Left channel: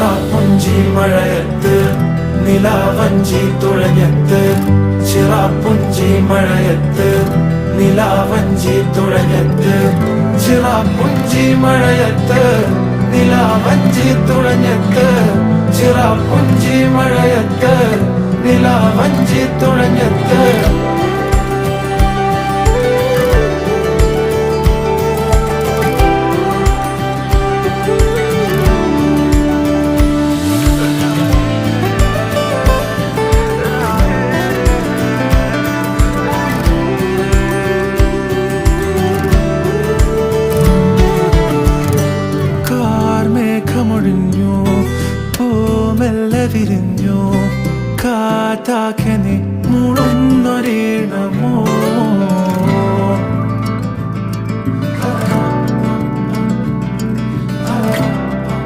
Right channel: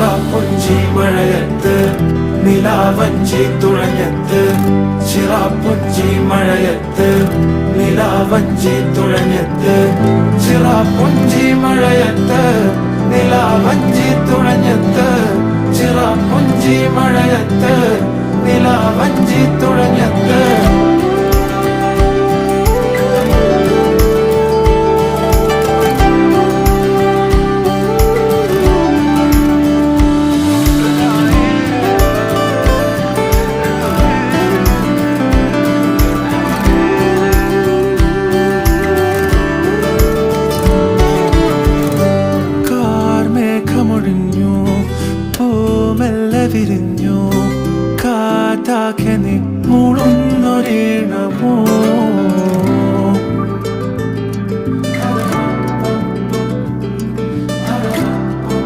ചിറാപ്പുഞ്ചി മഴയത്ത് നിലാവഞ്ചി തുഴഞ്ഞത്ത് ചിറാപ്പുഞ്ചി മഴയത്ത് നിലാവഞ്ചി തുഴഞ്ഞത്ത് ചിറാപ്പുഞ്ചി മഴയത്ത് നിലാവഞ്ചി തുഴഞ്ഞത്ത് ചിറാപ്പുഞ്ചി മഴയത്ത് നിലാവഞ്ചി തുഴഞ്ഞത്ത് മേഘമൊഴിഞ്ഞു പൂമെല്ലെ വിരിഞ്ഞു കാറ്റാകെ നീ മൂളുന്നൊരീണമോ